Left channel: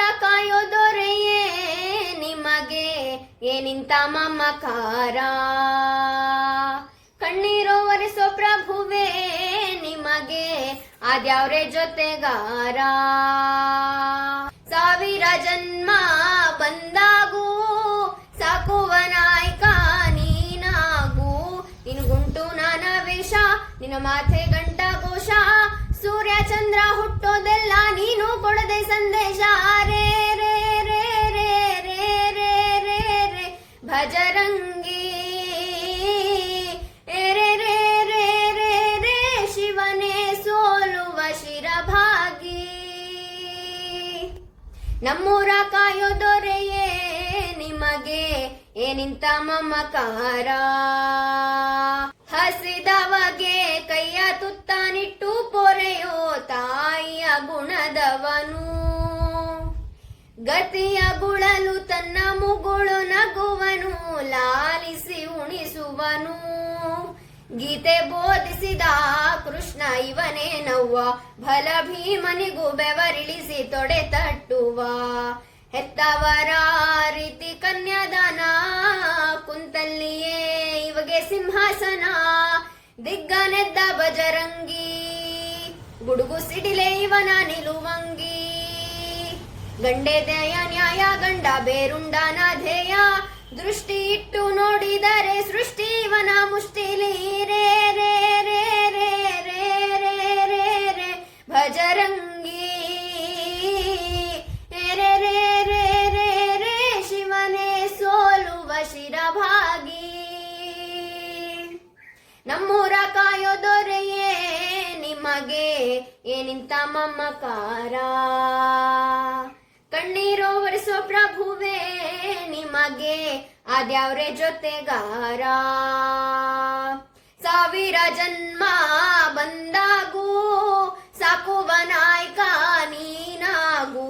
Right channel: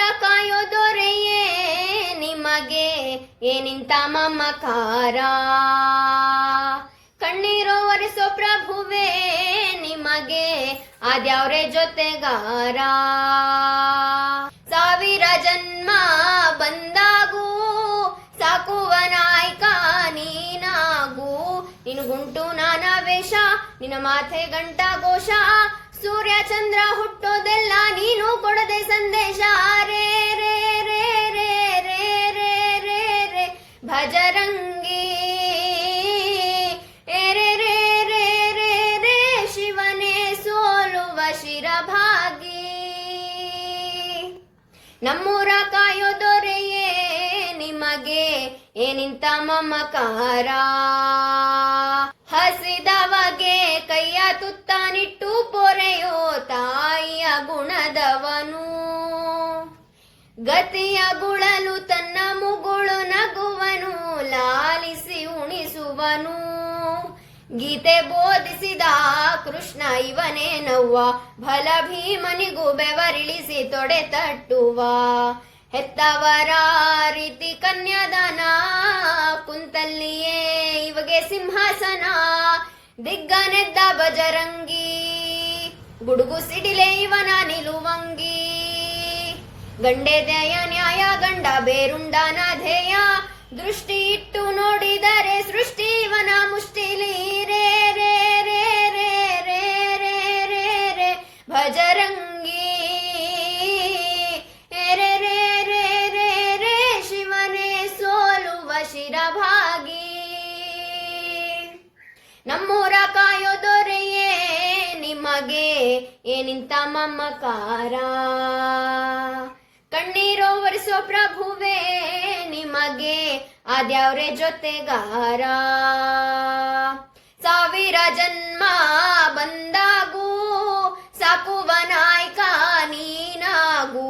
ನಮ್ಮೂರ ಕಾಯೋ ದೊರೆಯೇ ನಿಮಗೆ ಏನಿಂತ ಮಮಕಾರ, ಕಣ್ಣೀರೋ ಒರೆಸೋ ಪ್ರಭುವೇ ನಿಮಗೆ ಆದ್ಯಾವ್ರೆ ಜೊತೆಗಾರ. ಸಾವಿರ ಜನ್ಮ ಬಂದಾಗೂ ಸಾಕುವ ನಾಯಕ ನೀನಾಗೂ, ನಿನಗುಂಟು ನಾನಾ ವೇಷ ನಿನ್ನ ಮಾಥೆ ಗಂಟ ಘೋಷ, ಸೂರ್ಯ ಚಂದ್ರ ಹುಟ್ಟೋದೆಲ್ಲ ನೀನು ಕೊಡದೆ ಸಂದೇಶ. ರೇ ರೇ ರೇ ರೇ ರೇ ರೇ ರೇ ರೇ ಭಜರಂಗಿ ರೇ ರೇ ರೇ ರೇ ರೇ ಶಿವನೇ ಸೋಲುವ ಶಿರಭಾಗಿ. ನಮ್ಮೂರ ಕಾಯೋ ದೊರೆಯೇ ನಿಮಗೆ ಏನಿಂತ ಮಮಕಾರ, ಹಸಿದವಗೆ ಕೈಯ ತುತ್ತಾನಿಟ್ಟು ಪೊರೆಯೋ ತಾಯಿಯ ಗುಣದವನು, ಗತಿಯ ಗುಳಲು ತನ್ನ ಮುಗುಳು ನಗುವನು ಲಾಲಿಸಿ ಉಣಿಸುವನು. ಗೀತೆ ಬೋಧಿಸಿದ ಕೃಷ್ಣ ಇವನೇ ನವ್ವ, ಬಲ ಭೀಮನಿಗೂ ಬೆವರಿಳಿಸಿ ತೊಡೆ ತಟ್ಟುವ. ಹೆತ್ತವರ ರೀತಿ ಕನ್ಯಾದಾನ, ಕುಂತಲ್ಲಿಯೇ ಇವಗೆ ಸಿಂಹಾಸನ. ದಿಗ್ಗನೆದ್ದ ಬಜರಂಗಿ, ಗುಡುಗು ಸಿಡಿಲೆ ಇವನ ನಿಲುವಂಗಿ. ಗಂಡೆ ದಯ ನ್ಯಾಯ ಗಂಡ ಬೇರುಂಡನ ಧ್ಯೇಯ, ದೃಷ್ಟಿ ಇಟ್ಟು ನೋಡಿದರೆ ಸೃಷ್ಟಿ ಇವನ ಮುಷ್ಟಿಲಿ. ರೇ ರೇ ರೇ ರೇ ರೇ ರೇ ರೇ ರೇ ಭಜರಂಗಿ ರೇ ರೇ ರೇ ರೇ ರೇ ಶಿವನೇ ಸೋಲುವ ಶಿರಭಾಗಿ. ನಮ್ಮೂರ ಕಾಯೋ ದೊರೆಯೇ ನಿಮಗೆ ಏನಿಂತ ಮಮಕಾರ, ಕಣ್ಣೀರೋ ಒರೆಸೋ ಪ್ರಭುವೇ ನಿಮಗೆ ಆದ್ಯಾವ್ರೆ ಜೊತೆಗಾರ. ಸಾವಿರ ಜನ್ಮ ಬಂದಾಗೂ ಸಾಕುವ ನಾಯಕ ನೀನಾಗೂ,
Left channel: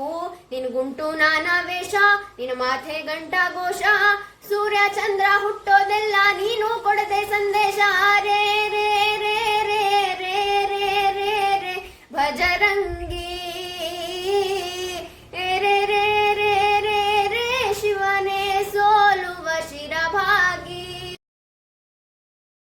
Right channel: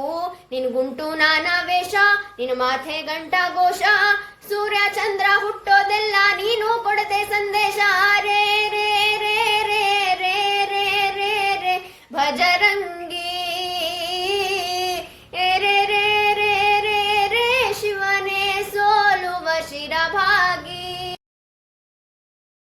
ನಿನಗುಂಟು ನಾನಾ ವೇಷ ನಿನ್ನ ಮಾಥೆ ಗಂಟ ಘೋಷ, ಸೂರ್ಯ ಚಂದ್ರ ಹುಟ್ಟೋದೆಲ್ಲ ನೀನು ಕೊಡದೆ ಸಂದೇಶ. ರೇ ರೇ ರೇ ರೇ ರೇ ರೇ ರೇ ರೇ ಭಜರಂಗಿ